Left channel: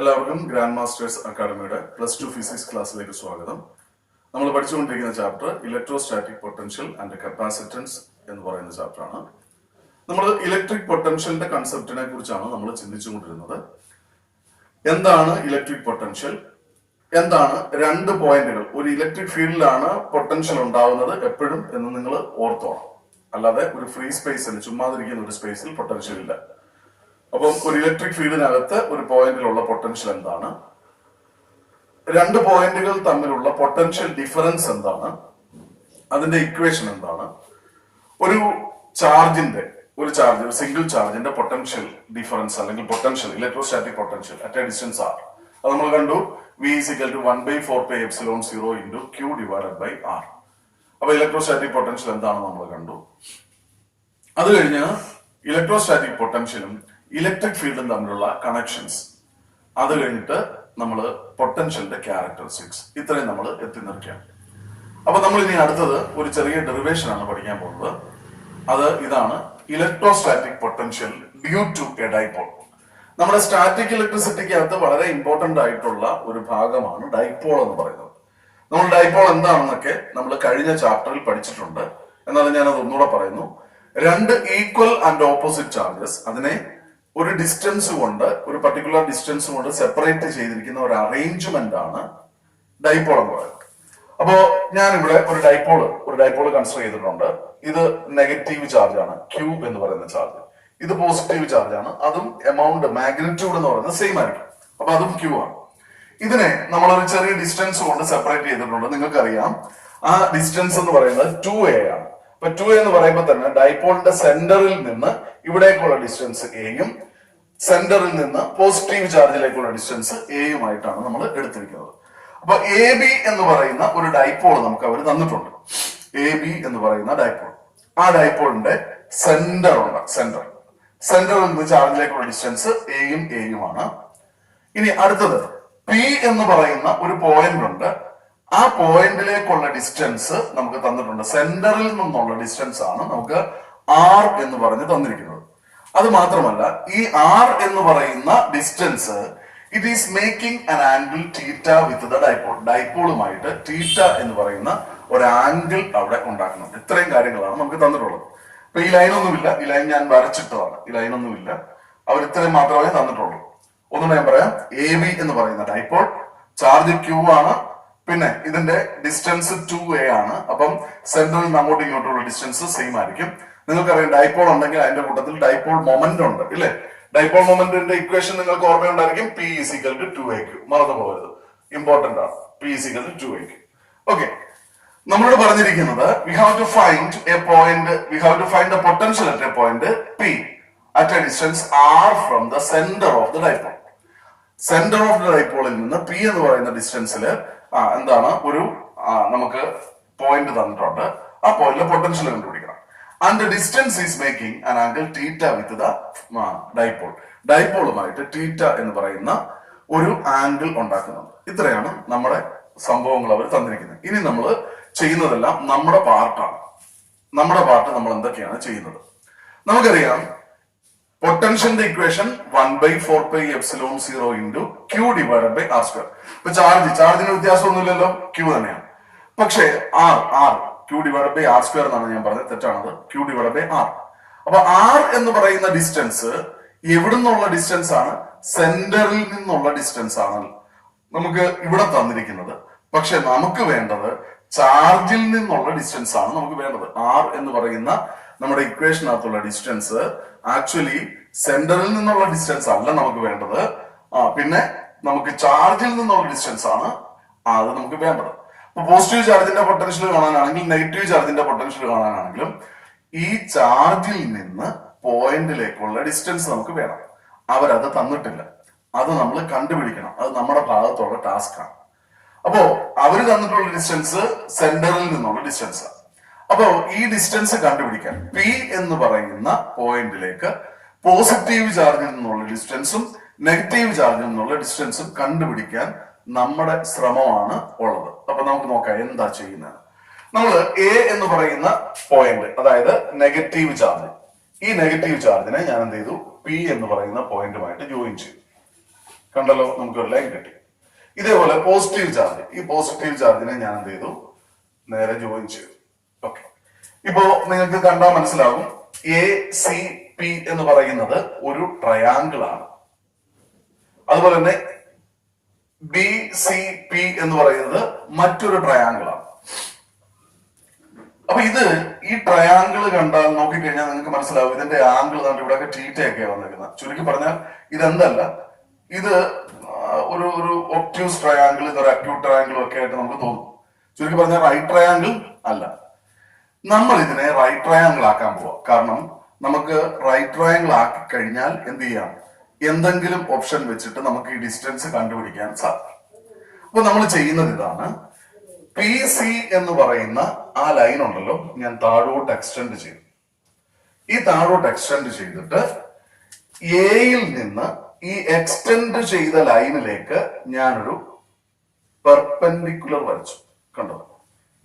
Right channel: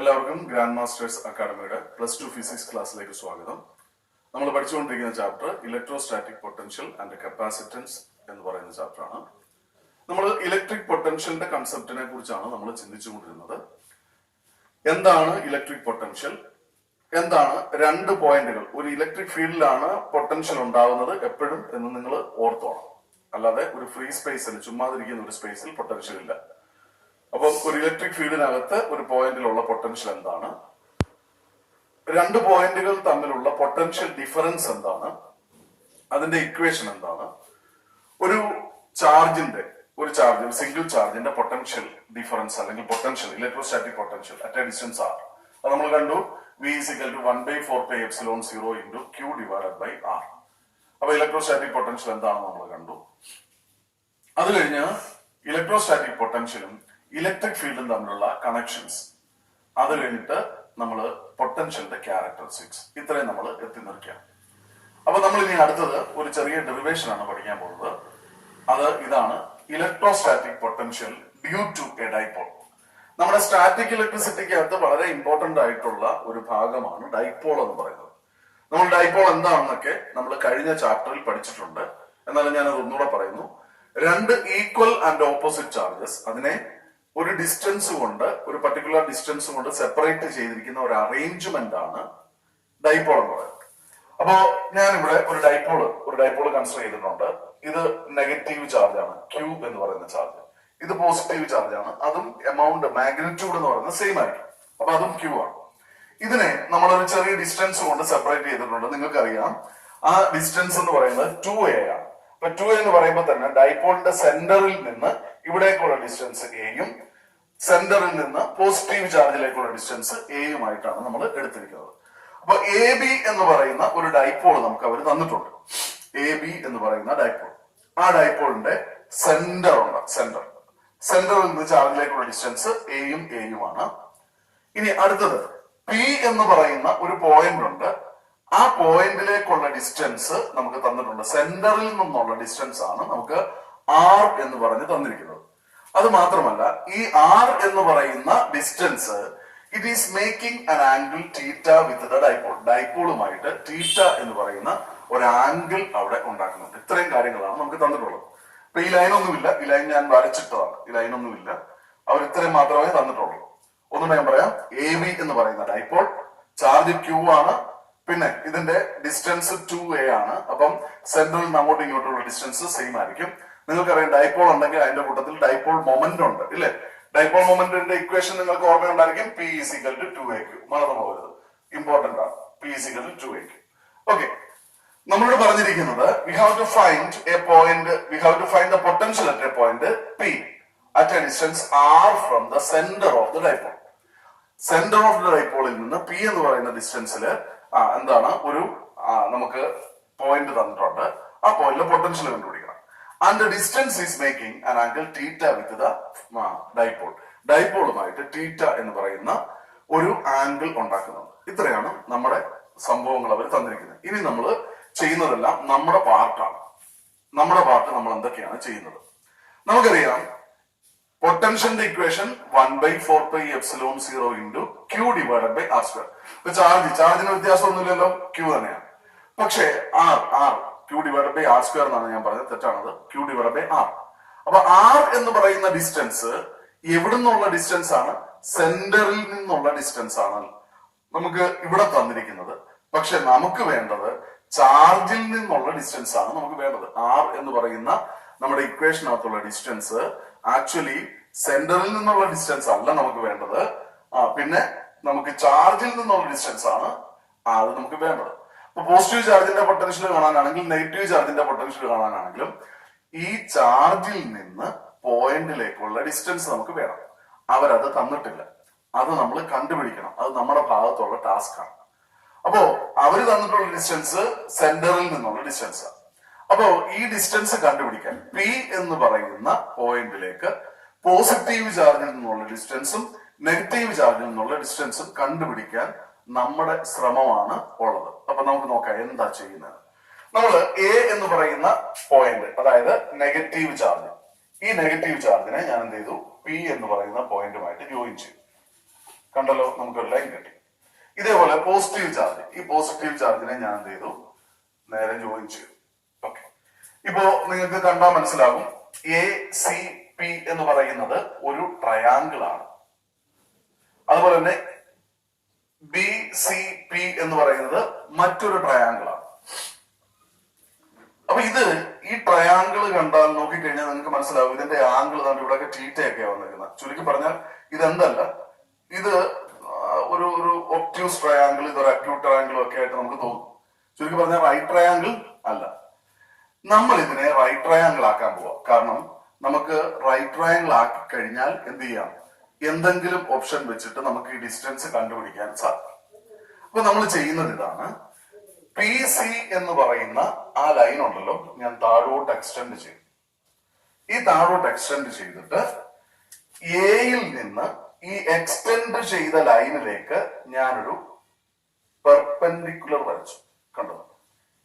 എല്ലാവർക്കും grand masters അക്കാഡമിയുടെ +2 physics ക്ലാസ്സിലേക്ക് സ്വാഗതം. നമ്മൾ പഠിച്ചുകൊണ്ടിരിക്കുന്ന chapter electrostatic potential and capacitance എന്ന് പറയുന്ന ചാപ്റ്ററാണ്. നമ്മൾ ഇലക്ട്രിക് പൊട്ടൻഷ്യലിന്റെ കൺസെപ്റ്റിനെ കുറിച്ചാണ് നമ്മൾ ചിന്തിച്ചുകൊണ്ടിരുന്നത്. എന്താണ് ഇലക്ട്രിക് പൊട്ടൻഷ്യൽ, എന്താണ് രണ്ട് പോയിന്റുകൾ, ഒരു ഇലക്ട്രിക് ഫീൽഡിലാണ് പൊട്ടൻഷ്യൽ ഉണ്ടാവുന്നത് എപ്പോഴും എന്ന് നിങ്ങൾ ഓർത്തോണം. അല്ലാതെ ഒരു ഫ്രീ സ്പേസിൽ ചുമ്മാതിരിക്കുന്ന ഒരു സ്പേസിൽ പൊട്ടൻഷ്യൽ ഇല്ല. അപ്പം ഒരു ഇലക്ട്രിക് ഫീൽഡിനകത്ത് ഒരു പോയിന്റിലുള്ള പൊട്ടൻഷ്യൽ എന്താണ്, രണ്ട് പോയിന്റുകൾ തമ്മിലുള്ള പൊട്ടൻഷ്യൽ ഡിഫറൻസ് എന്താണ്, അതിന്റെ ഇക്വേഷൻ എന്താണ്, ഒരു സിംഗിൾ ചാർജിന്റെ പൊട്ടൻഷ്യൽ ഡിഫറൻസ് അല്ലെങ്കിൽ potential electrostatic potential at a distance r, അത് നമ്മൾ കണ്ടു. V is equal to 1/4πε0 into Q divided by R. അപ്പൊ ഇലക്ട്രോസ്റ്റാറ്റിക് പൊട്ടൻഷ്യൽ എന്താണെന്ന് നമ്മൾ കണ്ടു. അത് കഴിഞ്ഞ് ഇലക്ട്രോസ്റ്റാറ്റിക് പൊട്ടൻഷ്യലും ഇലക്ട്രിക് ഫീൽഡും തമ്മിലുള്ള കണക്ഷൻസ്, അത് കഴിഞ്ഞിട്ട് നമ്മൾ പൊട്ടൻഷ്യലിന്റെ ക്യാരക്ടറിസ്റ്റിക്സ്, ഇത്രയും നമ്മൾ എത്തി നിർത്തിയാണ്. അപ്പൊ നമ്മൾ ഇനി അടുത്തത് ഒരു ചെറിയ ഡെറിവേഷൻ ആണ് പഠിക്കാൻ പോകുന്നത്. അത് ഇതാണ്: electrostatic potential due to a dipole. നമ്മുടെ സ്റ്റാറ്റിക് ഇലക്ട്രിസിറ്റിക്കകത്ത് വളരെ ഇമ്പോർട്ടന്റ് ആയിട്ടുള്ള ഒരു ഭാഗമാണ് ഡൈപോൾ എന്ന് പറയുന്നത്. നമ്മൾ ഡൈപോൾ എന്താണെന്നൊക്കെ നമ്മൾ കഴിഞ്ഞ ചാപ്റ്ററിൽ പഠിച്ചിട്ടുണ്ട്. എന്നാലും ഞാനത് ഒന്നുകൂടെ പറയുന്നു. രണ്ട് ഈക്വൽ ആൻഡ് ഓപ്പോസിറ്റ് ചാർജസ്, അതിനെ ഒരു ഡിസ്റ്റൻസ് കൊണ്ട്, ഒരു പർട്ടിക്കുലർ ഡിസ്റ്റൻസ് കൊണ്ട് സെപ്പറേറ്റ് ചെയ്തിരിക്കുന്ന ഒരു അറേഞ്ച്മെന്റ് ആണ് ഡൈപോൾ എന്ന് പറയുന്നത്. അപ്പോ ഞാനിവിടെ ഒരു ഡൈപോൾ കൺസിഡർ ചെയ്തിട്ടുണ്ട്. ഇത് നെഗറ്റീവ് ചാർജ് ആണ്, Q എന്ന് പറയുന്ന ചാർജ്. ഇത് പോസിറ്റീവ് ചാർജ് ആണ്, അതും എമൗണ്ട് മാഗ്നിറ്റ്യൂഡ് എന്ന് പറയുന്നത് സെയിം ആയിരിക്കും. അപ്പൊ അതും Q ആണ്. ഇതിനെ നമ്മളൊരു ചെറിയ ഡിസ്റ്റൻസ് കൊണ്ട് സെപ്പറേറ്റ് ചെയ്തിട്ടുണ്ട്. നിങ്ങൾക്കറിയാം ആ ഡിസ്റ്റൻസ് എന്ന് പറയുന്നത് 2a ആണ്. അപ്പൊ 2a എന്ന് പറയുമ്പോൾ തന്നെ ഡൈപോളിന്റെ സെന്ററിൽ നിന്ന് ഇവിടേക്കുള്ള ഡിസ്റ്റൻസ് എയും സെന്ററിൽ നിന്ന് പോസിറ്റീവ് ചാർജിലേക്കുള്ള ഡിസ്റ്റൻസ് എയുമായിട്ടാണ് നമ്മൾ എടുത്തിരിക്കുന്നത്. അപ്പൊ AB എന്ന് പറയുന്ന ഒരു ഡൈപോൾ നമുക്ക് അവർ തന്നിട്ടുണ്ട്. AB എന്ന് പറയുന്ന ഡൈപോൾ, ആ ഡൈപോളിന്റെ സെന്ററിൽ നിന്ന് ചാർജിലേക്കുള്ള ഡിസ്റ്റൻസ് എയും എയുമാണ്. ഇനി അടുത്തത് P എന്ന് പറയുന്ന ഒരു പോയിന്റ് ഉണ്ട്. ആ പോയിന്റിലേക്കുള്ള ഡിസ്റ്റൻസ് നമുക്ക് തന്നിട്ടുണ്ട്. സെന്ററിൽ നിന്നുള്ള ഡിസ്റ്റൻസ് ആണ് നമുക്ക് R എന്ന് പറഞ്ഞ് തന്നിരിക്കുന്നത്. അത് മാത്രമല്ല, ഈ R എന്ന് പറയുന്ന distance it is making an angle theta with the dipole. ഡൈപോളുമായിട്ട് തീറ്റ എന്ന് പറയുന്ന ഒരു ആംഗിൾ അവിടെ ഉണ്ടാക്കുന്നുണ്ട്. ഇത്രയും കാര്യങ്ങളാണ് നമുക്ക് തന്നിട്ടുള്ളത്. അപ്പൊ ഈ ലൈനൊന്നുമില്ല, ഈ ലൈൻ ഞാൻ വരച്ചിട്ടതാണ്. ഈ ലൈനൊന്നുമില്ല, അവർ ഇത്രയും മാത്രമേ തന്നിട്ടുള്ളൂ. ഒന്നും ഞാൻ പറയാം. AB എന്ന് പറയുന്ന ഡൈപോൾ, ചാർജ് Q ആണ്, പിന്നെ ഇതിന്റെ ഡിസ്റ്റൻസ് 2a ആണ്. അപ്പം സെന്ററിൽ നിന്ന് അങ്ങോട്ടും ഇങ്ങോട്ടുള്ള ഡിസ്റ്റൻസ് സെയിം ആയിരിക്കും. നിങ്ങൾക്കറിയാം ഡൈപോൾ ഉണ്ടെങ്കിൽ അതിന്റെ കൂട്ടത്തിൽ ഡൈപോൾ മൊമെന്റ് ഉണ്ട്, ഇല്ലേ? ഡൈപോൾ മൊമെന്റിന്റെ ഇക്വേഷൻ നിങ്ങൾക്ക് ഓർമ്മയുണ്ടായിരിക്കും. P is equal to 2aq. മറന്നു പോകരുത്, ഇമ്പോർട്ടന്റ് ആണ്. P is equal to 2aq. Okay, നമ്മളോട് പറഞ്ഞിരിക്കുന്നത് we have to find the potential at a point P at a distance R from the center of the dipole. Centre of the ഡൈപോളിൽ നിന്ന് P എന്ന് പറയുന്ന ഡിസ്റ്റൻസിൽ എന്താണ് ഒരു നമുക്ക് പോയിന്റ് തന്നിട്ടുണ്ട്. ആ പോയിന്റിലെ പൊട്ടൻഷ്യൽ കണ്ടുപിടിക്കണം. And distance is making an angle theta with the dipole. ഡൈപോളുമായിട്ട് തീറ്റ എന്ന് പറയുന്ന ഒരു ആംഗിൾ ഉണ്ടാക്കുന്നുണ്ട്. ഇത്രയാണ് നമ്മുടെ സംഭവങ്ങൾ അവർ തന്നിരിക്കുന്നത്. ഇനി നമ്മൾ ചെയ്യുന്നതെല്ലാം നമ്മുടെ പാർട്ടാണ്. നമ്മുടെ പാർട്ട് നമ്മൾ എന്തൊക്കെയാണ് ചെയ്യുന്നത്? നമുക്കറിയാം പൊട്ടൻഷ്യലിന്റെ equation 1/4πε0 into Q divided by R². ഇപ്പൊ ചാർജിന് വ്യത്യാസമൊന്നുമില്ലല്ലോ, Q തന്നെയാണ്. പക്ഷേ Q divided by R² എന്നാണ് ഞാൻ പറഞ്ഞത്, തെറ്റാണത്. Q divided by R. അപ്പൊ R എന്ന് പറയുന്ന ഡിസ്റ്റൻസ് എവിടുന്നുള്ള ഡിസ്റ്റൻസ് ആണ്? സെന്ററിൽ നിന്നുള്ള ഡിസ്റ്റൻസ് ആണ് നമുക്ക് ഇവിടെ തന്നിരിക്കുന്നത്. പക്ഷെ നമുക്ക് വേണ്ടത് ചാർജിൽ നിന്നുള്ള ഡിസ്റ്റൻസ് ആണ് നമുക്ക് വേണ്ടത്. R എന്ന് പറയുന്ന നമ്മുടെ ഇക്വേഷനകത്തുള്ള ഡിസ്റ്റൻസ് ആക്ച്വലി സെന്ററിൽ നിന്നുള്ള ഡിസ്റ്റൻസ് അല്ല നമുക്ക് വേണ്ടത്. പിന്നെ നമുക്ക് ചാർജിൽ നിന്നുള്ള ഡിസ്റ്റൻസ് ആണ് അത് നമുക്ക് വേണ്ടത്. അപ്പൊ പോസിറ്റീവ് ചാർജിന്റെ പൊട്ടൻഷ്യൽ കാണാനാണെങ്കിൽ, നെഗറ്റീവ് ചാർജിന്റെ പൊട്ടൻഷ്യൽ കാണാനാണെങ്കിലും ഈ ചാർജിൽ നിന്ന് പോയിന്റിലേക്കുള്ള ഡിസ്റ്റൻസ് നമുക്ക് വേണം. അവരത് തന്നിട്ടില്ല, അത് നമ്മൾ കണ്ടുപിടിക്കണം. അത് നമ്മുടെ ഭാഗത്തുള്ള ടാസ്ക് ആണ്. അപ്പോ അവര് തന്നിട്ടുള്ള ഡിസ്റ്റൻസ് സെന്ററിൽ നിന്നുള്ള ഡിസ്റ്റൻസ്. അപ്പോ ഈ ഡിസ്റ്റൻസ് കണ്ടുപിടിക്കാൻ P എന്ന് പറയുന്ന പോയിന്റിലേക്ക് പോസിറ്റീവ് ചാർജിൽ നിന്നുള്ള ഡിസ്റ്റൻസും നെഗറ്റീവ് ചാർജിൽ നിന്നുള്ള ഡിസ്റ്റൻസും കണ്ടുപിടിക്കാൻ നമ്മുടെ ശ്രമമാണ് ഉള്ളത്. അപ്പൊ നമുക്ക് നോക്കാം എന്താ ചെയ്യുന്നത്. നമ്മൾ A എന്ന് പറയുന്ന പോയിന്റ്, അതായത് നെഗറ്റീവ് ചാർജ്, ഈ നെഗറ്റീവ് ചാർജിനെ ഞാൻ എന്ത് ചെയ്തു? P എന്ന് പറയുന്ന പോയിന്റുമായിട്ട് ജോയിൻ ചെയ്തു. കണ്ടല്ലോ, നമുക്ക് ഒരു ലൈൻ കിട്ടി. ഇതേപോലെ പോസിറ്റീവ് ചാർജ്, ഈ പോസിറ്റീവ് ചാർജിനെ ഞാൻ എന്ത് ചെയ്തു, നേരെ ജോയിൻ ചെയ്തു. ഓക്കെ, ഇപ്പോ നിങ്ങൾക്ക് കണ്ടാൽ മനസ്സിലാകും എ സി പി എന്ന് പറയുന്നത് ഒരു ട്രയാങ്കിൾ ആണ്. അതുപോലെ തന്നെ ബി സി പി എന്ന് പറയുന്നത് മറ്റൊരു ട്രയാങ്കിൾ ആണ്. അപ്പൊ ഈ ട്രയാങ്കിൾ കണ്ടാൽ നോക്കിക്കഴിഞ്ഞാൽ നിങ്ങൾക്ക് മനസ്സിലാവും ഇതിന്റെ ആംഗിൾ തന്നെ ഇവിടെയൊക്കെ തീറ്റയൊക്കെ വന്നിരിക്കുന്നത്. ചുരുക്കി പറഞ്ഞാൽ ഇതെന്തല്ല, ഇത് ഒരു ഒബ്റ്റ്യൂസ് ട്രയാങ്കിൾ, ഇതൊരു അക്യൂട്ട് ട്രയാങ്കിളും ഒക്കെ ആയിട്ട് നമുക്ക് തോന്നും. ചുരുക്കി പറഞ്ഞാൽ റൈറ്റ് ട്രയാങ്കിൾ അല്ല. നമ്മൾ ഇതിനെ റൈറ്റ് ട്രയാങ്കിൾ ആക്കാൻ പോവാം. കാരണം നമുക്ക് റൈറ്റ് ട്രയാങ്കിൾ ആക്കി കഴിഞ്ഞാൽ എന്ത് ചെയ്യാം, എന്തെങ്കിലും ഓപ്ഷൻ വെച്ചിട്ട് നമുക്ക് ഈ ഡിസ്റ്റൻസ് കണ്ടുപിടിക്കാൻ സാധിക്കും. അപ്പൊ നമ്മൾ ചെയ്യുന്നത് ഇതാണ്, പി സി എന്ന് പറയുന്ന ആ ലൈൻ ഉണ്ടല്ലോ, ഞാൻ താഴോട്ട് എക്സ്റ്റെൻഡ് ചെയ്യും. ഈ താഴോട്ട് എക്സ്റ്റെൻഡ് ചെയ്തിട്ട് എയിൽ നിന്ന് ഈ എക്സ്റ്റെൻഡ് ചെയ്ത ലൈനിലേക്ക് ഞാനൊരു പെർപെൻഡിക്കുലർ വരച്ചു. കണ്ടോ,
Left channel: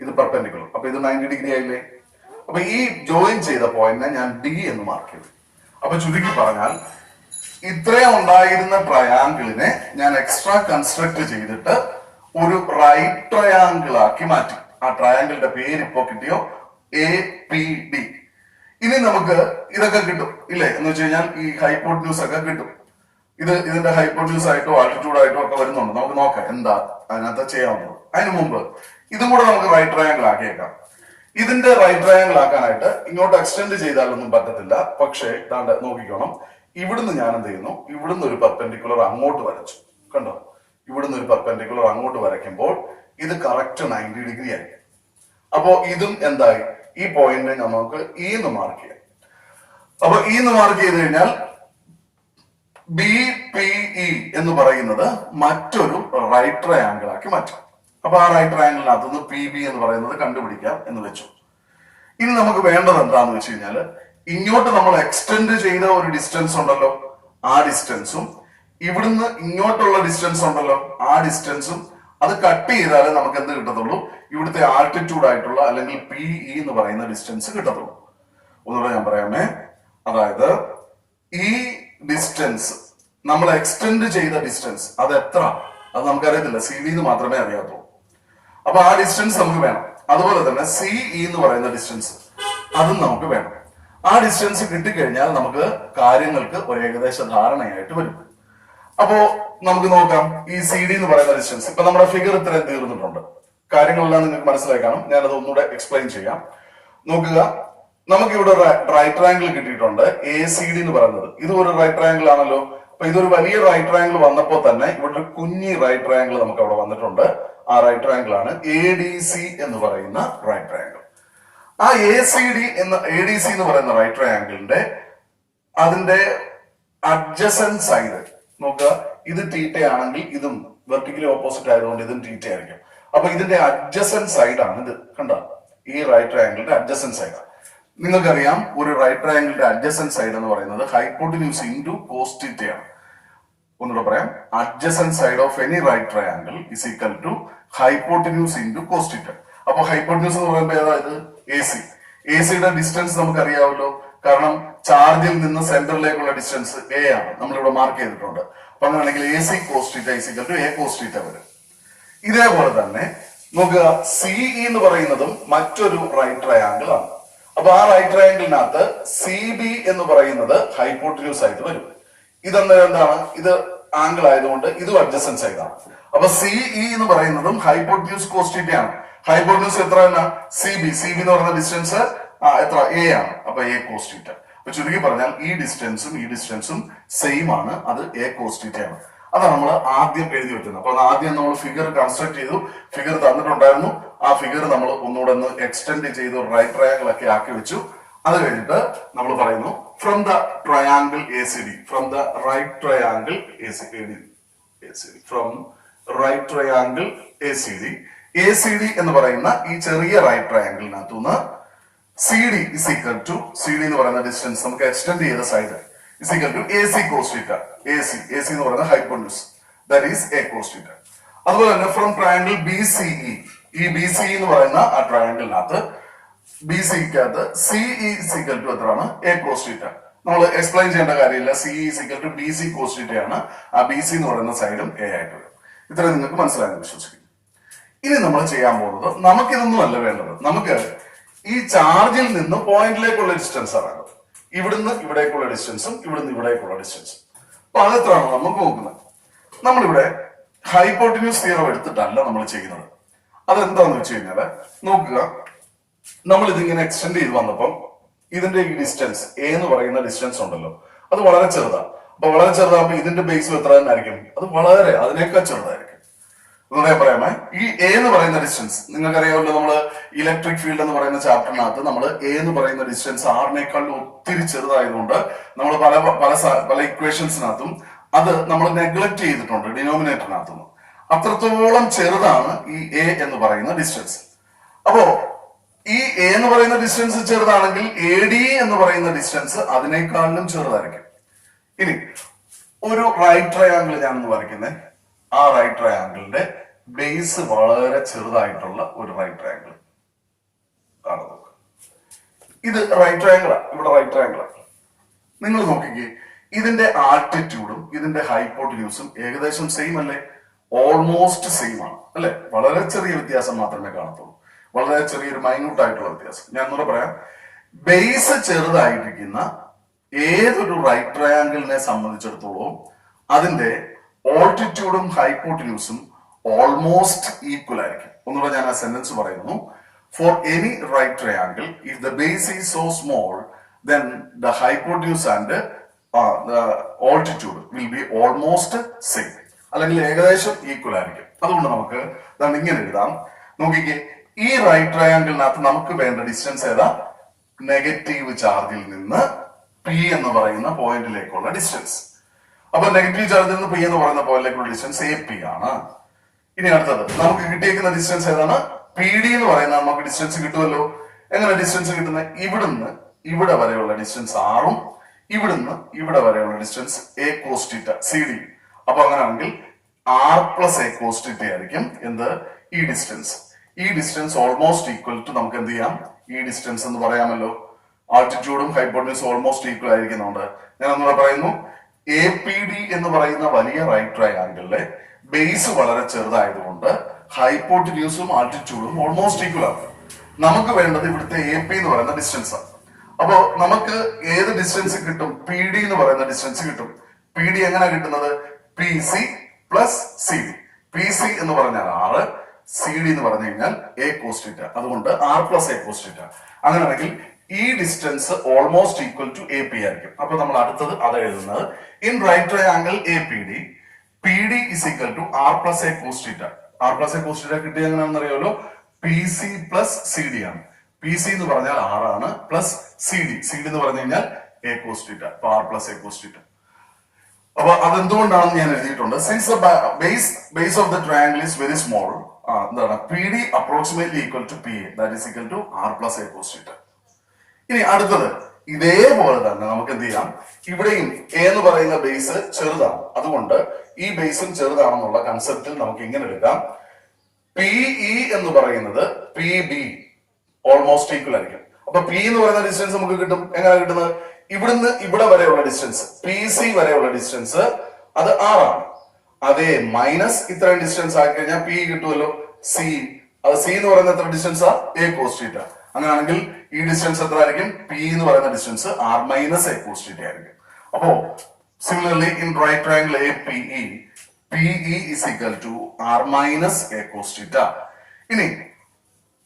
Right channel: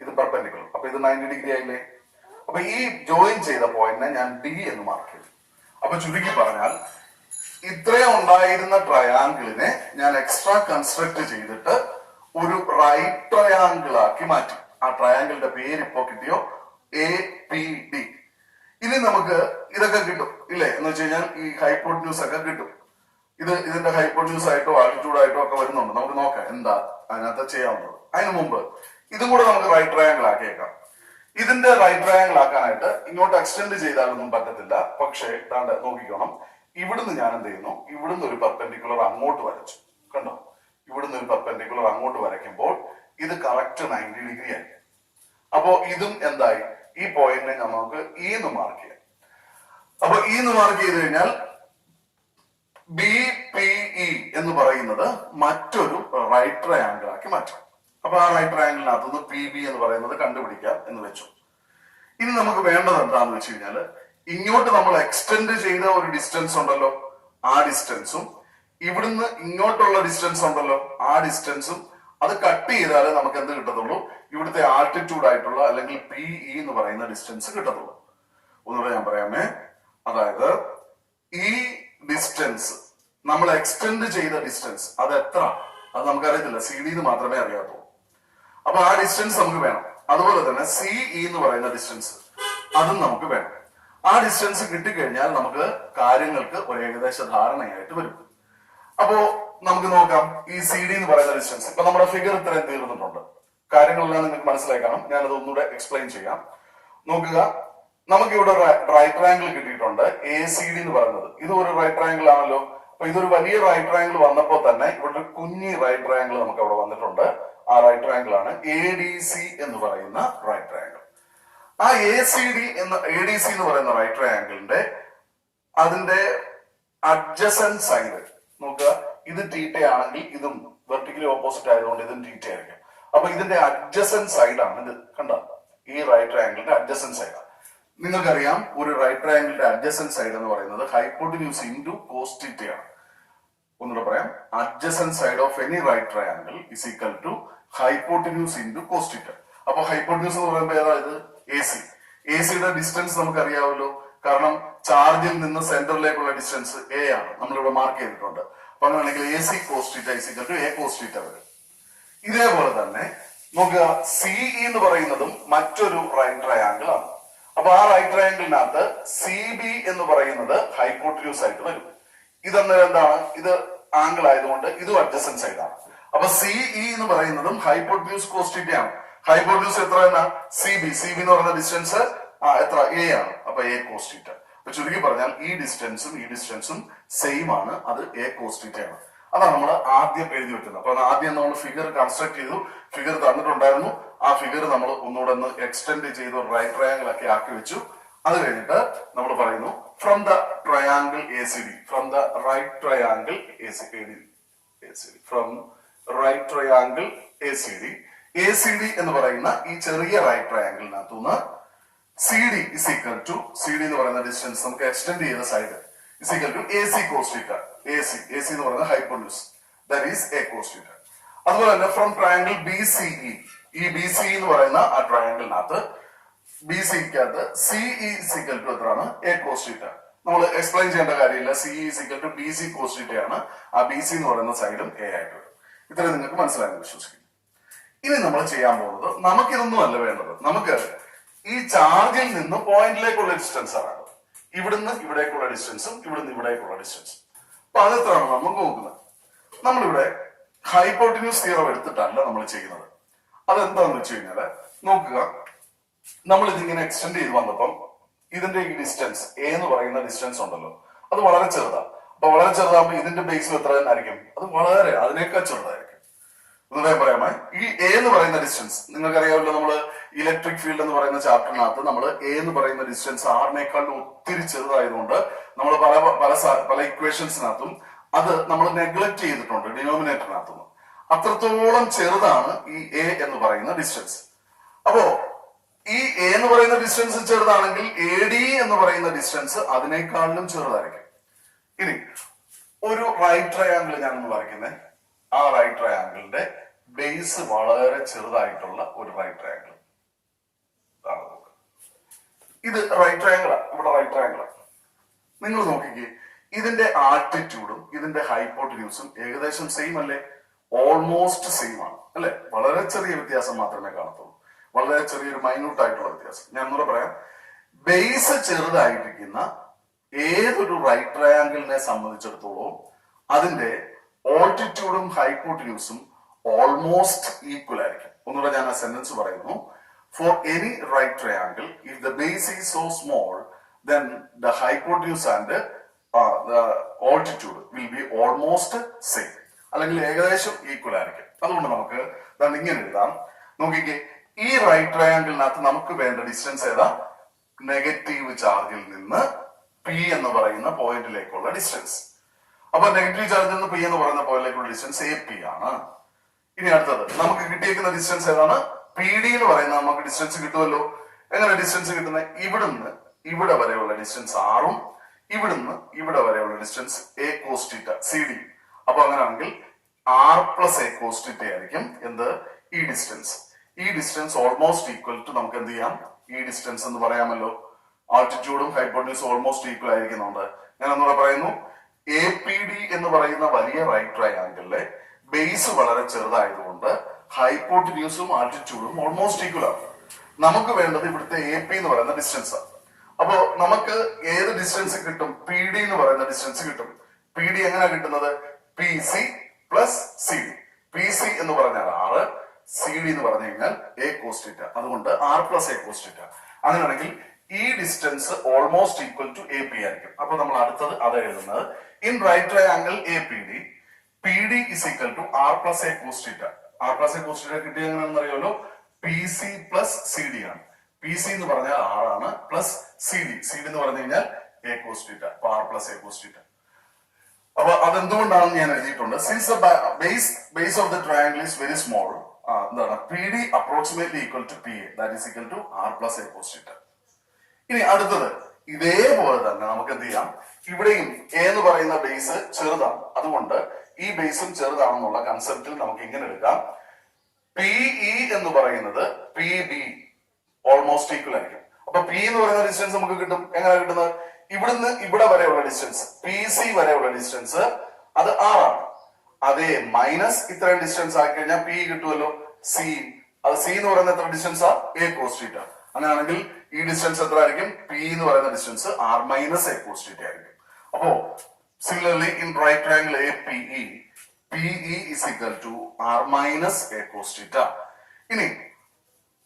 ഇത് പെർപെൻഡിക്കുലർ. അപ്പൊ ഇത് 90 ഡിഗ്രി ആയില്ലേ. അപ്പൊ ഈ ജോയിൻ ചെയ്ത പോയിന്റിനെ ഞാൻ ഡി എന്ന് മാർക്ക് ചെയ്തു. അപ്പൊ ചുരുക്കി പറഞ്ഞാൽ ഇത്രയും ഉണ്ടായിരുന്ന ട്രയാങ്കിളിനെ ഞാൻ എക്സ്ട്രാ കൺസ്ട്രക്ട് ചെയ്തിട്ട് ഒരു റൈറ്റ് ട്രയാങ്കിൾ ആക്കി മാറ്റി. ആ ട്രയാങ്കിളിന്റെ പേര് ഇപ്പോ കിട്ടിയോ, എ പി ഡി. ഇനി നമുക്ക് ഇതൊക്കെ കിട്ടും ഇല്ലേ, എന്ന് വെച്ച് കഴിഞ്ഞാൽ ഈ ഹൈപ്പോട്ന്യൂസ് ഒക്കെ കിട്ടും. ഇതിന്റെ ഹൈപ്പോട്ന്യൂസ് ആയിട്ടോ ആൾട്ടിറ്റ്യൂഡ് ആയിട്ടോ ഒക്കെ വരുന്നുണ്ട്. നമുക്ക് നോക്കാം എന്താ അതിനകത്ത് ചെയ്യാവുന്നത്. അതിനു മുമ്പ് ഇതും കൂടെ നമുക്ക് റൈറ്റ് ട്രയാങ്കിൾ ആക്കിയേക്കാം. ഇതിന്റെ റൈറ്റ് ട്രയാങ്കിൾ ആക്കാനായിട്ട് ഇങ്ങോട്ട് എക്സ്റ്റെൻഡ് ചെയ്താലൊന്നും പറ്റത്തില്ല. പക്ഷേ താണ്ട് നോക്കിക്കോണം, ഇവിടുന്ന് ഞാൻ എന്ത് ചെയ്യുന്നു, ഇവിടുന്ന് ഒരു പെർപെൻഡിക്കുലർ അങ്ങോട്ട് വരച്ചു. കണ്ടോ, ഇവിടുന്ന് ഒരു പെർപെൻഡിക്കുലർ അങ്ങോട്ട് വരയ്ക്കുമ്പോൾ ഇത് കറക്റ്റ് 90 ഡിഗ്രി ആയി. അപ്പോ ഇതും എന്തായി, ഈ പോയിന്റിനെ നമുക്ക് ഇ എന്ന് മാർക്ക് ചെയ്യാം. അപ്പൊ ഇ എന്ന് മാർക്ക് ചെയ്ത് കഴിഞ്ഞാൽ ബി പി ഇ എന്ന് പറയുന്നത് മറ്റൊരു റൈറ്റ് ട്രയാങ്കിൾ ആക്കി മാറ്റും. അപ്പൊ ആ റൈറ്റ് ട്രയാങ്കിളിനകത്തുനിന്ന് പി ബി എന്ന് പറയുന്നത് കണ്ടുപിടിക്കാം എന്ന് വെച്ചു. ഇനി നമുക്ക് വേണ്ടത് എന്താന്ന് വെച്ച് കഴിഞ്ഞാൽ, ഇങ്ങോട്ട് നമ്മൾ എക്സ്റ്റെൻഡ് ചെയ്ത ഒരു ഡിസ്റ്റൻസ് ഉണ്ടല്ലോ, ആ ഡിസ്റ്റൻസും ഇവിടുന്ന് ഇങ്ങോട്ടുള്ള ഡിസ്റ്റൻസ് ഉണ്ടല്ലോ, ആ ഡിസ്റ്റൻസും അത് കട്ട് ചെയ്താലേ നമുക്ക് എന്ത് കിട്ടത്തുള്ളൂ, ഇവിടുത്തെ ആൾട്ടിറ്റ്യൂഡ് ആയിട്ടുള്ള അല്ലെങ്കിൽ പി ഇ എന്ന് പറയുന്ന ഡിസ്റ്റൻസ് കിട്ടത്തുള്ളൂ. ഒന്നുകൂടെ ഞാൻ പറയാമേ, അതായത് ഈ ഡിസ്റ്റൻസ് നമ്മൾ എക്സ്റ്റെൻഡ് ചെയ്ത ഡിസ്റ്റൻസ് അത് എത്ര, അത് നമുക്കറിയത്തില്ല, സി ഡി എന്ന് മാത്രമേ അറിയാത്തുള്ളൂ. അപ്പൊ ആ ഡിസ്റ്റൻസ് നമുക്ക് വേണം. അതുപോലെ തന്നെ സി ഇ എന്ന് പറയുന്ന ഡിസ്റ്റൻസ് അതും നമുക്ക് വേണം. ആ ഡിസ്റ്റൻസ് കിട്ടിക്കഴിഞ്ഞാൽ നമുക്ക് കാര്യങ്ങൾക്ക് ഒരു ഏകദേശ ധാരണയായിട്ട് വരും. അപ്പോ നമുക്ക് നോക്കാം, ഈ സി ഡി എന്ന് പറയുന്ന ഡിസ്റ്റൻസ് ഇപ്പൊ നമ്മുടെ ഫിഗർ ഇത്രയും തീർന്നിട്ടുണ്ട്. കാര്യങ്ങളെല്ലാം നിങ്ങൾക്ക് മനസ്സിലായി കാണും. ഞാനത് ഒന്നുകൂടെ എക്സ്പ്ലെയിൻ ചെയ്യാം. നോക്കുക, നമുക്ക് ഇവിടെ റൈറ്റ് ട്രയാങ്കിൾ കിട്ടിയിട്ടുണ്ട്, എ സി ഡി എന്ന് പറയുന്നത്. ഇത് ഒരു റൈറ്റ് ട്രയാങ്കിൾ ആണല്ലോ. അപ്പൊ ഇതൊരു വലിയ റൈറ്റ് ട്രയാങ്കിൾ വന്നപ്പോൾ തന്നെ ഇവിടെ ഒരു കുഞ്ഞി റൈറ്റ് ട്രയാങ്കിൾ നമുക്ക് അവിടെ വന്നിട്ടുണ്ട്. ആ റൈറ്റ് ട്രയാങ്കിൾ ആണ് എ ഡി സി എന്ന് പറയുന്ന റൈറ്റ് ട്രയാങ്കിൾ. ആ എ ഡി സി എന്ന് പറയുന്ന റൈറ്റ് ട്രയാങ്കിളിന്റെ അതിന്റെ അഡ്ജസന്റ് സൈഡ് നോക്കുക, ഇത് തീറ്റ ആണെങ്കിൽ ഇതും വെർട്ടിക്കലി ഓപ്പോസിറ്റ് ആയതുകൊണ്ട് ഇതും തീറ്റ ആയിരിക്കും. അപ്പൊ ഇതിന്റെ അഡ്ജസന്റ് സൈഡ് ആണ് ഇത്. കണ്ട, ഈ റൈറ്റ് ട്രയാങ്കിളിന്റെ അഡ്ജസന്റ് സൈഡ്. നിങ്ങൾക്കറിയാം, ഒരു റൈറ്റ് ട്രയാങ്കിളിന്റെ അഡ്ജസന്റ് സൈഡ് എന്ന് പറയുന്നത് ഹൈപ്പോട്ടിന്യൂസ് ഇൻറ്റു കോസ് തീറ്റയാണ്. ഒന്നുകൂടെ പറയാം, adjacent side of any right triangle is equal to hypotenuse into cos theta. അപ്പൊ ഹൈപ്പോട്ടിന്യൂസ് എന്ന് പറയുമ്പോൾ ഏതായത് എ സി. എ സിയുടെ ഡിസ്റ്റൻസ് നമുക്ക് അറിയാമല്ലോ, കാരണം ചാർജിൽ നിന്ന് സെന്ററിലേക്കുള്ള ഡിസ്റ്റൻസ് എ ആണ്, നമ്മളിവിടെ മാർക്ക് ചെയ്തിട്ടുണ്ട്. അപ്പൊ അങ്ങനെയാണെങ്കിൽ a C cos theta is equal to a cos theta വരും. ഇതേപോലെ തന്നെ നോക്കുക, സി ഇ എന്ന് പറയുന്നതും മറ്റൊരു റൈറ്റ് ട്രയാങ്കിൾ ആണ്. അപ്പൊ ആ റൈറ്റ് ട്രയാങ്കിളിനകത്ത് സി ബി എന്ന് പറയുന്നത് ഹൈപ്പോട്ടിന്യൂസ് ആയിട്ട് വരും. ഇതെന്നേരം എന്താണ്, ഇത് ആംഗിൾ ആയതുകൊണ്ട് ഇതും അഡ്ജസന്റ് സൈഡ് ആണ്. അപ്പൊ സി ഇ എന്ന് പറയുന്നതും ഹൈപ്പോട്ടിന്യൂസ് കോസ് തീറ്റ ആണ്. ഹൈപ്പോട്ടിന്യൂസ് എത്ര തന്നെ, സി ബി എന്ന് പറയുന്ന ഡിസ്റ്റൻസ് എത്ര, എ ആണ്. അപ്പൊ എ കോസ് തീറ്റ. അപ്പൊ ചുരുക്കി പറഞ്ഞാൽ ഈ ഡിസ്റ്റൻസും സെയിം ആണ്, അത് എ കോസ് തീറ്റ ആണ്. അതാണ് നമ്മൾ ആദ്യം എഴുതി വെക്കുന്നത്. അപ്പൊ ആദ്യം നമ്മൾ ഫിഗർ കൺസ്ട്രക്ട് ചെയ്തു, ഫിഗർ തന്നിട്ടുണ്ടായിരുന്നു. ആ ഫിഗർ നമ്മൾ ഒന്നുകൂടെ ഒന്ന് എക്സ്റ്റെൻഡ് ചെയ്ത് റൈറ്റ് ട്രയാങ്കിൾ ഒക്കെ ആക്കി വെച്ചു. അത് കഴിഞ്ഞിട്ട് നമ്മൾ പറയുന്നു, from the triangle A C D, from the right triangle A C D, from right triangle A C D, A C D എന്ന് പറയുന്ന ഈ ചെറിയ റൈറ്റ് ട്രയാങ്കിളിനകത്തുനിന്ന് C D is equal to, C D എന്ന് പറയുന്ന ഡിസ്റ്റൻസ് നമുക്ക് extend ചെയ്ത side is equal to A C cos theta. A C എന്ന് പറയുന്ന hypotenuse, that is A cos theta. അതുപോലെ തന്നെ from triangle B C E, ഈ ബി സി എന്ന് പറയുന്ന ആ ട്രയാങ്കിളിനകത്ത് ബി സിക്കകത്ത് C E is equal to എത്രയാണ്, എ കോസ് തീറ്റ. നമ്മൾ എക്സ്പ്ലെയിൻ ചെയ്യേണ്ട കാര്യമില്ല. C is equal to B C cos തീറ്റയാണ്. ആ ബി സി എന്ന് പറയുന്ന സൈഡും എ ആയിട്ട് വരും. ഇത്രയും നിങ്ങൾക്ക് മനസ്സിലായെന്ന് വിശ്വസിക്കുന്നു. ഇനി നമ്മൾ ചെയ്യാൻ പോകുന്നത്, നമുക്കിതൊന്നും അല്ല വേണ്ടത്. നമുക്ക് ഈ ചാർജിൽ നിന്ന് പോയിന്റിലേക്കുള്ള ഡിസ്റ്റൻസ് ആണ് വേണ്ടത്. ഇവിടുന്ന് ഇവിടേക്കുള്ള ഡിസ്റ്റൻസും ഇവിടുന്ന് ഇവിടേക്കുള്ള ഡിസ്റ്റൻസും. അപ്പൊ അതെത്രയാണ് നമുക്ക് നോക്കുന്നത്? നമ്മളിവിടെ ഹൈപ്പോട്ടിന്യൂസ് തിയറം എടുത്തിട്ടല്ല നമ്മൾ ചെയ്യുന്നത്. അതെന്താന്ന് വെച്ച് കഴിഞ്ഞാല് നോക്കുക, നമ്മൾ ഇതിങ്ങനെ എക്സ്റ്റെൻഡ് ചെയ്ത് വന്നപ്പം ഇതിന്റെ ഈ ഡിസ്റ്റൻസ് എ എന്ന് പറയുന്ന ഡിസ്റ്റൻസ് ഉണ്ടല്ലോ, അത് വളരെ ചെറുതാണ്. അപ്പൊ വളരെ ചെറുതാകുമ്പോൾ ഇതിന്റെ ബേസും എത്ര തന്നെ ആയിരിക്കും? അത് വളരെ അതിനേക്കാൾ ചെറുതായിരിക്കും. ഒന്നേ പറയാമേ, ഈ എ എന്ന് പറയുന്ന ഡിസ്റ്റൻസ് നിങ്ങൾക്കറിയാമല്ലോ, നമ്മള് ഇലക്ട്രിക് ഫീൽഡ് എന്ന് പറയുന്ന ചാപ്റ്ററിനകത്ത് നമ്മൾ എ എന്ന് പറയുന്ന ഡിസ്റ്റൻസ് ആറിനേക്കാളും ഒത്തിരി ചെറുതായതുകൊണ്ട് നമ്മൾ പല ഇക്വേഷൻസിനകത്തും അത് നമ്മൾ നെഗ്ലക്ട് ചെയ്തിട്ടുണ്ട് ഡിനോമിനേറ്ററിനകത്തും. അത്രത്തോളം ചെറുതാണ് ഈ എ എന്ന് പറയുന്ന ഡിസ്റ്റൻസ്. അപ്പോ ഈ എ എന്ന് പറയുന്ന ഡിസ്റ്റൻസ് ചെറുതാണെങ്കിൽ എ ഡി എന്ന് പറയുന്ന ഡിസ്റ്റൻസ് അതിനേക്കാളും ചെറുതായിരിക്കും. ഇനി ഒരു റൈറ്റ് ട്രയാങ്കിൾ ഞാനൊന്ന് വരയ്ക്കുന്നത്. ആ റൈറ്റ് ട്രയാങ്കിളിന്റെ ബേസ് വളരെ ചെറുതായിട്ടുള്ള ഒരു റൈറ്റ് ട്രയാങ്കിൾ ആണ്. നോക്കുക, ഇത് റൈറ്റ് ട്രയാങ്കിളാ. ഇവിടെ റൈറ്റ് ട്രയാങ്കിളാ. നിങ്ങൾ നോക്കിക്കേ, ഇതിന്റെ ആൾട്ടിറ്റ്യൂഡും ഇതിന്റെ ഹൈപ്പോട്ടിന്യൂസും ഏകദേശം സെയിം അല്ലേ? ഓൾമോസ്റ്റ് സെയിം ആണ് അല്ലെ? വളരെ ചെറിയ വ്യത്യാസം മാത്രമേ കാണത്തുള്ളൂ. വളരെ ചെറിയൊരു മൈന്യൂട്ട് ആയിട്ടുള്ള വ്യത്യാസം. ഞാൻ ഒന്നുകൂടെ പറയാം. ബേസ് ചെറുതായിരിക്കുന്ന ഏതൊരു റൈറ്റ് ട്രയാങ്കിളിനെ സംബന്ധിച്ചിടത്തോളം അതിന്റെ ഓൾട്ടിറ്റ്യൂഡും ഹൈപ്പോട്ടിന്യൂസും ഓൾമോസ്റ്റ് ഈക്വൽ ആയിരിക്കും. ഒന്നുകൂടെ ഞാൻ ആ സെന്റൻസ് പറയുന്നു. For any right triangle if the base is so small then the hypotenuse and the altitude will be almost same, അല്ലെങ്കിൽ ഏകദേശം ഈക്വൽ ആയിരിക്കും. അതുകൊണ്ട് നമുക്ക് ഇങ്ങനെ എഴുതാം. നോക്കിക്കേ, ഈ റൈറ്റ് ട്രയാങ്കിളിനകത്ത് നമുക്ക് വേണ്ട ഡിസ്റ്റൻസ് ഏതാ? നെഗറ്റീവ് ചാർജിൽ നിന്ന് പി എന്ന് പറയുന്ന പോയിന്റിലേക്കുള്ള ഡിസ്റ്റൻസ്. അപ്പൊ നെഗറ്റീവ് ചാർജിൽ നിന്ന് പി എന്ന് പറയുന്ന പോയിന്റിലേക്കുള്ള ഡിസ്റ്റൻസ് എ പി ആണ്. ഇനി അടുത്തത് നമുക്ക് കിട്ടിയേക്കുന്ന ഡിസ്റ്റൻസ് ഏതാണ്? പി ഡി എന്ന് പറയുന്ന നമുക്ക് ഡിസ്റ്റൻസ് കിട്ടുമല്ലോ. എങ്ങനെ ഡിസ്റ്റൻസ് കിട്ടുന്നത്? ഇവിടുന്ന് ഇവിടെ വരെയുള്ള ഡിസ്റ്റൻസ് ആറും ഇവിടുന്ന് ഇവിടെ വരെയുള്ള distance a cos theta c d. അപ്പൊ അങ്ങനെയാണെങ്കിൽ r plus A cos theta ആയിരിക്കും എന്ത്? ഈ ഡിസ്റ്റൻസ്. ഈ ഡിസ്റ്റൻസ് ഓൾമോസ്റ്റ് ഈക്വൽ ടു നമുക്ക് എന്ത് ചെയ്യാം? ഈ ഡിസ്റ്റൻസ് എന്ന് പറയാമല്ലോ. ആൾട്ടിറ്റ്യൂഡും ഹൈപ്പോട്ടന്യൂസും ഓൾമോസ്റ്റ് ഈക്വൽ ആയിരിക്കുന്നുണ്ട്. ഞാൻ ഒന്നുകൂടെ പറയുന്നു. എ പി ഡി എന്ന് പറയുന്ന വലിയ റൈറ്റ് ട്രയാങ്കിളിലെ ബേസ് വളരെ ചെറുതായതുകൊണ്ട് ഹൈപ്പോട്ടന്യൂസും ആൾട്ടിറ്റ്യൂഡും ഓൾമോസ്റ്റ് ഈക്വൽ ആണ്. നമുക്ക് വേണ്ടത് ഇവിടുത്തെ എ പി എന്ന് പറയുന്ന ഡിസ്റ്റൻസ് ആണ്. അപ്പോ നമുക്ക് ഏത് ഡിസ്റ്റൻസ് കിട്ടും? പി ഡി എന്ന് പറയുന്ന ഡിസ്റ്റൻസ് കിട്ടും. പി ഡി എങ്ങനെ കിട്ടുന്നത്? P C plus C D. P C എന്ന് പറഞ്ഞാൽ ആറ്, സി ഡി എന്ന് പറഞ്ഞു കഴിഞ്ഞാൽ എ കോസ് തീറ്റ. അതുകൊണ്ട് R plus A cos theta. അങ്ങനെയാണെങ്കിൽ ഈ distance almost equal to A P ആയിരിക്കും. അപ്പൊ നമ്മൾ അടുത്തത് അത് എഴുതുന്നത് in right triangle A P D, P D is equal to R plus A cos theta. R plus A cos theta കിട്ടിയ എങ്ങനെയാണെന്ന് അറിയാമല്ലോ. P C plus C D ആണ്. പി സി എന്ന് പറഞ്ഞാൽ ആറാണ്, plus C D. C D എന്ന് പറഞ്ഞു കഴിഞ്ഞാൽ എ കോസ് തീറ്റ. അപ്പൊ R plus A cos theta. അപ്പൊ അതെന്തുകൊണ്ടാണെന്ന് ഞാൻ എഴുതിയിട്ടുണ്ട്. Since the base of the triangle is very small, എന്താണ്? P D approximately equal to P A, that is equal to R plus A cos theta. ഇനി അടുത്തത് ഇതേപോലെ തന്നെ നമുക്ക് എന്ത് ചെയ്യാം? ഇവിടെയും എ എന്ന് പറയുന്ന ബേസ് ചെറുതാണ്. അതുകൊണ്ട് ഈ ബേസും ചെറുതാണെന്നുള്ള കൺസെപ്റ്റിൽ നമുക്ക് ഇങ്ങനെ എടുക്കാം. പി ഇ എന്ന് പറയുന്നത് പി ബി ഓൾമോസ്റ്റ് ഈക്വൽ ആയിരിക്കും. അപ്പൊ പി എന്ന് പറയുന്ന ഡിസ്റ്റൻസ് നമുക്ക് കിട്ടും. എങ്ങനെ കിട്ടുന്നത്? ഇവിടുന്ന് ഇവിടെ വരെയുള്ള ഡിസ്റ്റൻസ്, പി സി വരെയുള്ള ഡിസ്റ്റൻസ് അത് ആറാണ്. അതേ മൈനസ് ഇത്രയും ഡിസ്റ്റൻസ് ആയി കഴിഞ്ഞാൽ പി കിട്ടുമല്ലോ, സി. അത് സി എന്ന് പറയുന്ന എത്ര ഡിസ്റ്റൻസാ? A cos theta. അങ്ങനെയാണെങ്കിൽ ഈ ഡിസ്റ്റൻസ് എത്ര ആയിരിക്കും? പി എന്ന് പറയുന്ന distance R minus A cos theta ആയിരിക്കും. അപ്പോ similarly in right triangle A P E, P E is equal to R minus A cos theta. ഇനി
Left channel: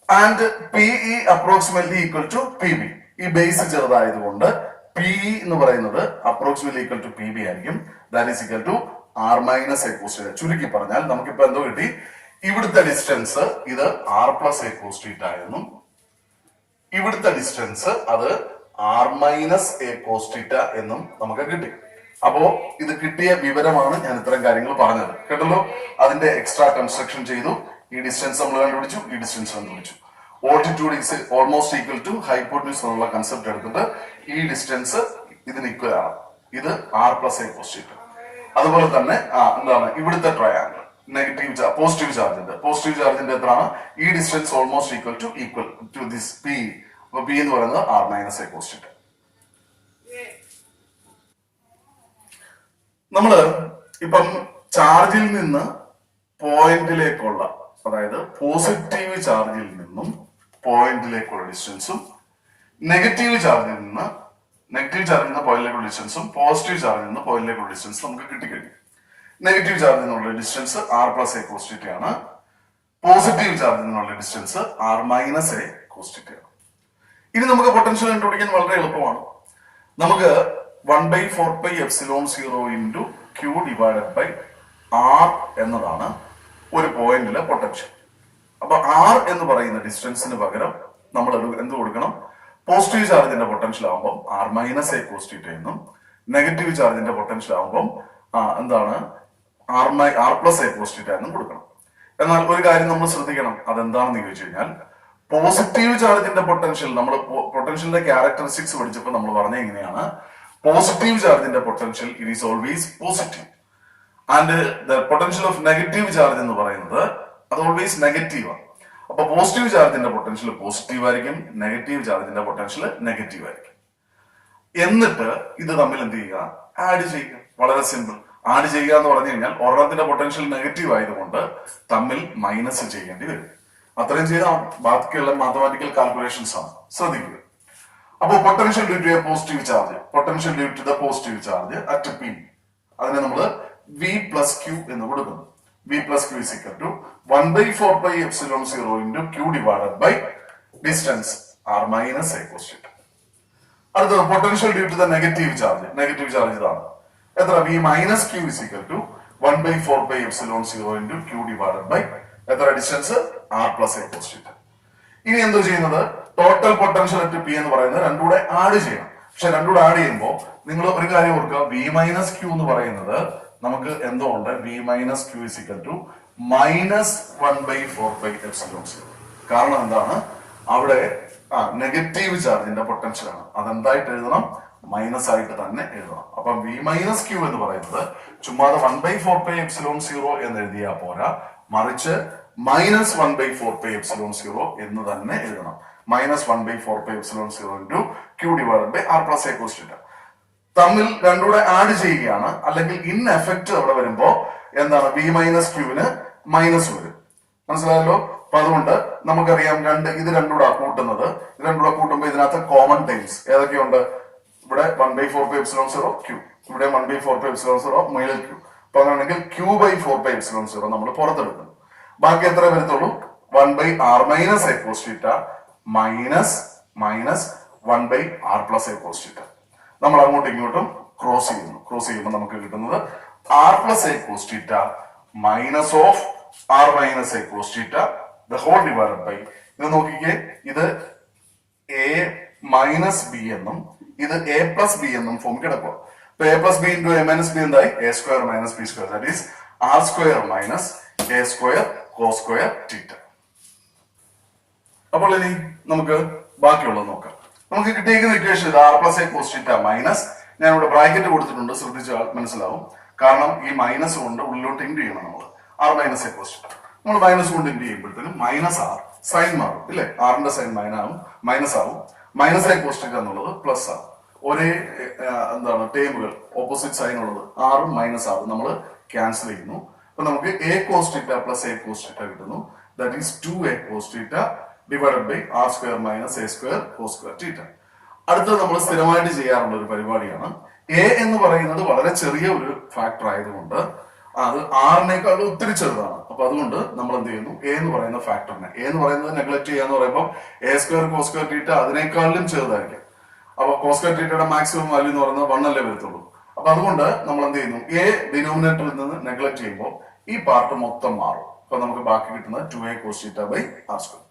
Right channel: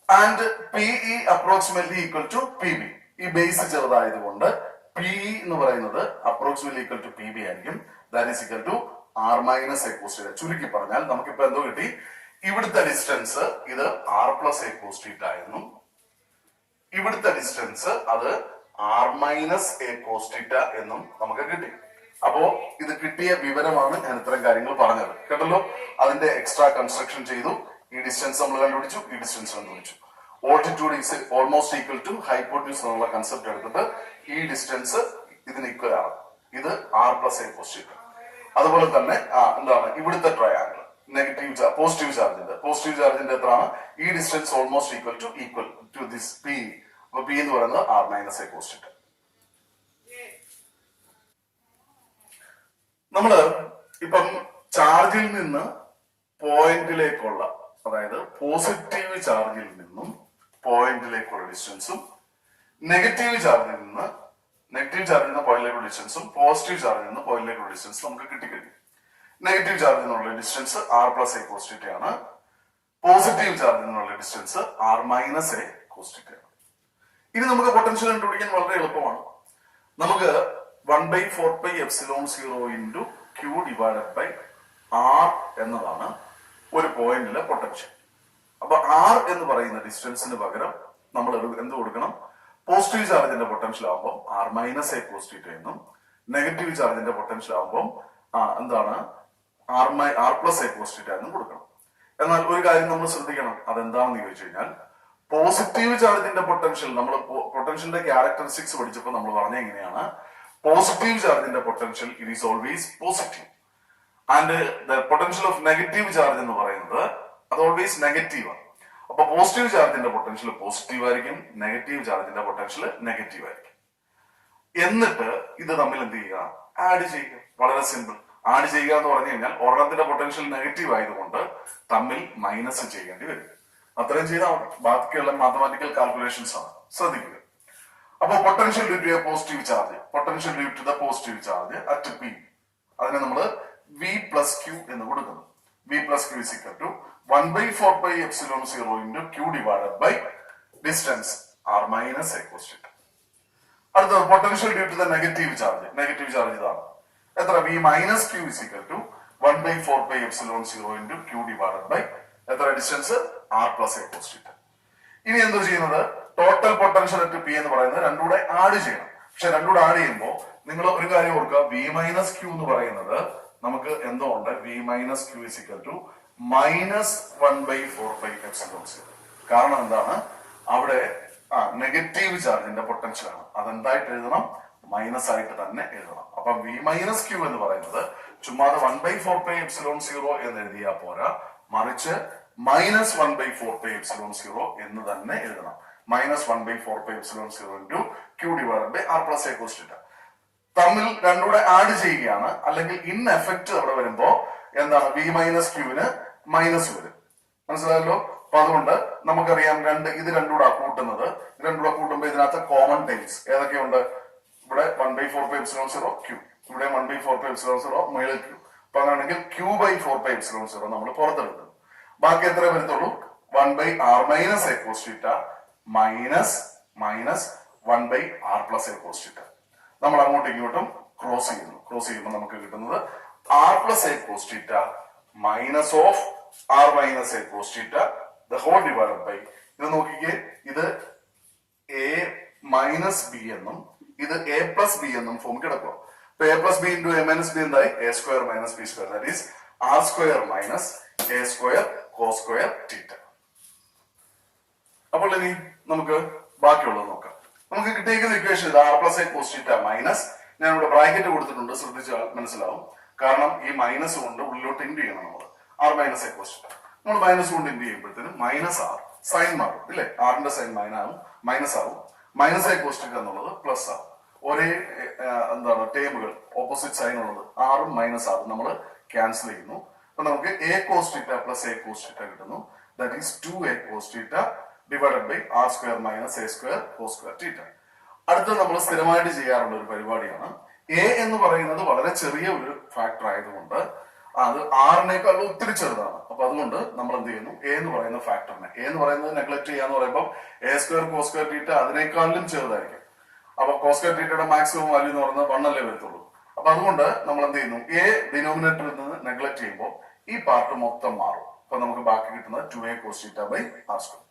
and P E approximately equal to P B. ഈ ബേസ് ചെറുതായതുകൊണ്ട് P എന്ന് പറയുന്നത് approximately equal to P B ആയിരിക്കും. That is equal to R minus A cos theta. ചുരുക്കി പറഞ്ഞാൽ നമുക്കിപ്പോ എന്തോ കിട്ടി? ഇവിടുത്തെ ഡിസ്റ്റൻസ് ഇത് R plus A cos theta എന്നും ഇവിടുത്തെ ഡിസ്റ്റൻസ് അത് r minus A cos theta എന്നും നമുക്ക് കിട്ടി. അപ്പോ ഇത് കിട്ടിയ വിവരമാണ് ഞാൻ ഇത്തരം കാര്യങ്ങൾ പറഞ്ഞത്. കേട്ടല്ലോ? അതിന്റെ എക്സ്ട്രാ കൺസ്ട്രക്ഷൻ ചെയ്തു. ഈ ഡിസ്റ്റൻസ് നമ്മൾ കണ്ടുപിടിച്ചു, ഈ ഡിസ്റ്റൻസ് കണ്ടുപിടിച്ചു. Altitude is almost equal to hypotenuse എന്നുള്ള കൺസെപ്റ്റ് എടുത്തിട്ട് ഈ ഡിസ്റ്റൻസ് ഇതിന് ഈക്വൽ ആണ്. ഇത് R plus A cos theta. അതുപോലെ തന്നെ എന്താണ് ഇവിടുത്തെ ട്രയാങ്കിൾ നെഗറ്റീവ് പോസിറ്റീവ് ചാർജിന്റെ എത്രയാണ്? ഈ distance almost equal to this p. അപ്പൊ പി എന്ന് പറയുന്നത് r minus A cos theta. നമ്മള് ഇപ്പം ചാർജിൽ നിന്ന് പോയിന്റിലേക്കുള്ള, അതായത് പോസിറ്റീവ് ചാർജിൽ നിന്നും പോയിന്റിലേക്കുള്ള ഡിസ്റ്റൻസും നെഗറ്റീവ് ചാർജിൽ നിന്ന് പോയിന്റിലേക്കുള്ള ഡിസ്റ്റൻസും പോസിറ്റീവ് ചാർജിൽ നിന്ന് പോയിന്റിലേക്കുള്ള ഡിസ്റ്റൻസ് നമുക്ക് കിട്ടിക്കഴിഞ്ഞു. നെഗറ്റീവ് ചാർജിൽ നിന്നുള്ള distance R plus A cos ആണ്. പോസിറ്റീവ് ചാർജിൽ നിന്നുള്ള distance R minus A cos ആണ്. ഇനി നമുക്ക് പൊട്ടൻഷ്യൽ കണ്ടുപിടിക്കാൻ വളരെ എളുപ്പമാണ്. നമുക്ക് 1/4πε0 into Q divided by R എന്നതാണ് ഒരു പോയിന്റിലെ പൊട്ടൻഷ്യൽ. അപ്പൊ ആർ എന്ന് പറയുന്ന ഡിസ്റ്റൻസിന് പകരം നമ്മൾ എന്ത് കൊടുക്കണം? പോസിറ്റീവ് ചാർജിന്റെ പൊട്ടൻഷ്യൽ ആകുമ്പോൾ ആർ മൈനസ് എ കോസ് എന്നും, നെഗറ്റീവ് ചാർജിന്റെ പൊട്ടൻഷ്യൽ ആകുമ്പോൾ എന്താണ് ആർ പ്ലസ് എ കോസ് എന്നും കൊടുക്കണം. എന്നാൽ ഒരു കാര്യം നമ്മൾ ശ്രദ്ധിക്കണം. അതെന്താണെന്ന് ചോദിച്ചു കഴിഞ്ഞാൽ, പോസിറ്റീവ് ചാർജിന്റെ പൊട്ടൻഷ്യൽ, നമ്മൾ പൊട്ടൻഷ്യലിന്റെ ക്യാരക്ടറിസ്റ്റിക്സ് പഠിച്ചപ്പോൾ നമ്മൾ പറഞ്ഞ എങ്ങനെയാണ്? പോസിറ്റീവ് ചാർജിന്റെ potential it is always positive and the potential of negative charge എന്ന് പറയുന്നത് അത് ഓൾവേസ് നെഗറ്റീവ് ആണ്. അപ്പൊ പോസിറ്റീവ് ചാർജിന്റെ പൊട്ടൻഷ്യൽ പോസിറ്റീവ് ആയിരിക്കും, നെഗറ്റീവ് ചാർജിന്റെ പൊട്ടൻഷ്യൽ നെഗറ്റീവ് ആയിരിക്കും. എന്നിട്ട് ഇത് തമ്മിൽ എന്ത് ചെയ്യുക? ആഡ് ചെയ്യുക. വളരെ സിമ്പിൾ. ആഡ് ചെയ്യുക എന്ന് പറഞ്ഞു കഴിഞ്ഞാൽ ഒരെണ്ണത്തിന്റെ പൊട്ടൻഷ്യൽ നെഗറ്റീവ് ആയതുകൊണ്ട് തമ്മിൽ മൈനസ് ചെയ്യേണ്ടി വരും. അത്രയും ചെയ്താൽ ബാക്കിയുള്ള മാത്തമാറ്റിക്കൽ കാൽക്കുലേഷൻസ് ആണ്. ശ്രദ്ധിക്കുക. അപ്പൊ potential due to a positive charge, potential due to the positive charge at P, അതിനെ നമ്മൾ വി പ്ലസ് ക്യൂ എന്ന് കൊടുക്കുന്നു. V plus Q is equal to 1/4πε0 into Q divided by distance R minus A cos θ. അടുത്തത് potential due to the negative charge. Negative charge ഇതാണ്. എത്ര? V minus Q is equal to 1/4πε0 into Q divided by എത്ര? Distance R plus A cos θ. ഇനി എന്തോ ചെയ്യുന്നത്? Total potential at P എന്ന് പറയുന്നത് രണ്ടുകൂടെ add ചെയ്യണം. പക്ഷെ രണ്ടുകൂടെ ആഡ് ചെയ്യുമ്പോൾ നിങ്ങൾ ഒരു കാര്യം ഓർക്കുക, വി മൈനസ് ക്യൂ എന്ന് പറയുന്നത് നമുക്ക് എന്തോ ഉണ്ട്? V minus Q is equal to -1/4πε0. കാരണം എന്താണ്? അവിടെ നെഗറ്റീവ് ചാർജിന്റെ പൊട്ടൻഷ്യൽ ആണ്. അതെന്തായിട്ട് എഴുതണം? മൈനസ് ആയിട്ട് തന്നെ എഴുതണം. അപ്പൊ വി മൈനസ് ക്യൂ എന്ന് പറയുന്നത് ചുമ്മാതെ 1/4πε0 എന്ന് എഴുതിയാൽ പോരാ, മറിച്ച് -1/4πε0 എന്ന് തന്നെ എഴുതണം. -1/4πε0 into Q divided by R plus A cos θ. തമ്മിൽ രണ്ടുകൂടെ ആഡ് ചെയ്യുകയാണ്. അല്ലെങ്കിൽ ഇൻ എഫക്റ്റ് അവിടെ വരുമ്പോ എന്താണ്? വി മൈനസ് ക്യൂവിന് മൈനസ് വരും. മനസ്സിലായല്ലോ? അപ്പൊ അതുകൊണ്ട് നമുക്കറിയാം ഇത് രണ്ടുകൂടെ കൂട്ടുന്നത്. ഇത് രണ്ടുകൂടെ കൂട്ടുമ്പോൾ ഇതിനകത്ത് കോമൺ ടൈംസ് ഏതൊക്കെയുണ്ട്? ഇവിടെ 1/4πε0 ക്യൂ, ഇവിടെ 1/4πε0 മുകളിൽ ക്യൂ. അപ്പൊ അങ്ങനെയാണെങ്കിൽ q/4πε0 നമ്മൾ പുറത്തെടുക്കുന്നു. ബാക്കി എത്ര വരത്തുള്ളൂ? 1/r minus A cos θ minus 1/r plus A cos θ. നമ്മൾ അങ്ങോട്ടും ഇങ്ങോട്ടും ക്രോസ് ചെയ്യുന്നു. ക്രോസ് ചെയ്യുമ്പോൾ നമുക്ക് കിട്ടുന്നത് R plus A cos θ minus of R minus A cos θ the whole divided by, ഇത് നോക്കിക്കേ, ഇത് എ മൈനസ് ബി എന്നും ഇത് എ പ്ലസ് ബി എന്നും ഫോം കിടക്കുക. അപ്പൊ A plus B into A minus B എന്തായി? A square minus B square, that is R square minus A square cos square θ. അപ്പോൾ ഇനി നമുക്ക് ബാക്കിയുള്ളത് നോക്കാം. നമുക്ക് കിട്ടിയിരിക്കുന്ന equation R plus A cos θ minus, ഞാൻ ഇവിടെ ബ്രാക്കറ്റ് കൊടുത്തിട്ടുണ്ട്, ശ്രദ്ധിച്ചാൽ മനസ്സിലാവും. കാരണം ഈ മൈനസ് കൊണ്ട് ഉള്ളിലോട്ട് ഇൻഡ് ചെയ്യണം. നമ്മൾ ആർ മൈനസ് എ കോസ് θ നമ്മൾ മൈനസ് കൊണ്ട് ഇൻഡ് ചെയ്യുമ്പോഴത്തേനും മൈനസ് ആർ സൈൻ മാറും, ഇല്ലേ? ആറിന്റെ സൈൻ മൈനസ് ആവും. മൈനസ് എ കോസ് θ എന്നുള്ളത് പ്ലസ് ആവും. ഒരേ എന്താണ് ടേമുകൾ, ഓപ്പോസിറ്റ് സൈൻ ഉള്ളത് ആറും മൈനസ് ആറും നമ്മൾ ക്യാൻസൽ ചെയ്യുന്നു. അപ്പൊ നമുക്ക് A cos θ plus A cos θ കിട്ടുന്നു. That is 2a cos θ divided by R square minus A square cos square θ. അടുത്തത് നമ്മൾ സ്ഥിരമായിട്ട് ചെയ്യാറുള്ള ഒരു പരിപാടിയാണ്. എ എന്ന് പറയുന്നത് വളരെ ചെറിയ ഒരു ഫാക്ടർ ആയതുകൊണ്ട് അത് ആറിനേക്കാൾ ഒത്തിരി ചെറുതാണ്. അപ്പൊ അതുകൊണ്ട് നമ്മൾ എന്ത് ചെയ്യുന്നു? എ എന്ന് പറയുന്ന ഫാക്ടറിനെ, എ എന്ന് പറയുന്നത് നെഗ്ലക്ട് ചെയ്യാന്ന് പറയുമ്പോൾ എ സ്ക്വയർ കോസ് സ്ക്വയർ θ അതിനേക്കാളും ചെറുതായിരിക്കും. അപ്പൊ കോസ് സ്ക്വയർ θയുടെ മാക്സിമം വാല്യൂ എന്ന് പറയുന്നത് 1 അല്ലേ വരത്തുള്ളൂ. അപ്പൊ അതുകൊണ്ട് നമ്മൾ എന്ത് ചെയ്യുന്നു? എ ഡിനോമിനേറ്ററിൽ നിന്ന് നെഗ്ലക്ട് ചെയ്യുമ്പോൾ ഈ പാർട്ട് മൊത്തം മാറും. അപ്പൊ നമുക്ക് ബാക്കി കിട്ടുന്നത് 2a cos θ by R square.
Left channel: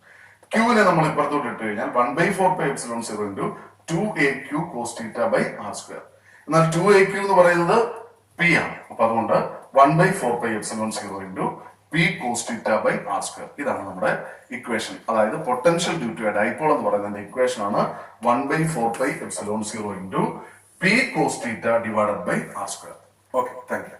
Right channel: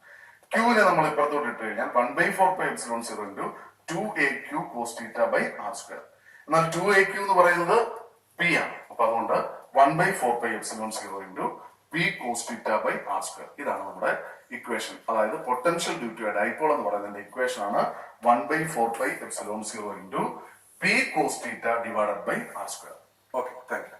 ക്യൂവിനെ നമ്മൾ ഇപ്പുറത്തോട്ട് ഇട്ട് കഴിഞ്ഞാൽ 1/4πε0 into 2aq cos θ by R square. എന്നാൽ 2aq എന്ന് പറയുന്നത് പി ആണ്. അപ്പൊ അതുകൊണ്ട് 1/4πε0 into P cos θ by R square. ഇതാണ് നമ്മുടെ ഇക്വേഷൻ. അതായത് potential due to a dipole എന്ന് പറയുന്നതിന്റെ ഇക്വേഷൻ ആണ് 1/4πε0 into P cos θ divided by R square. Okay, thank U.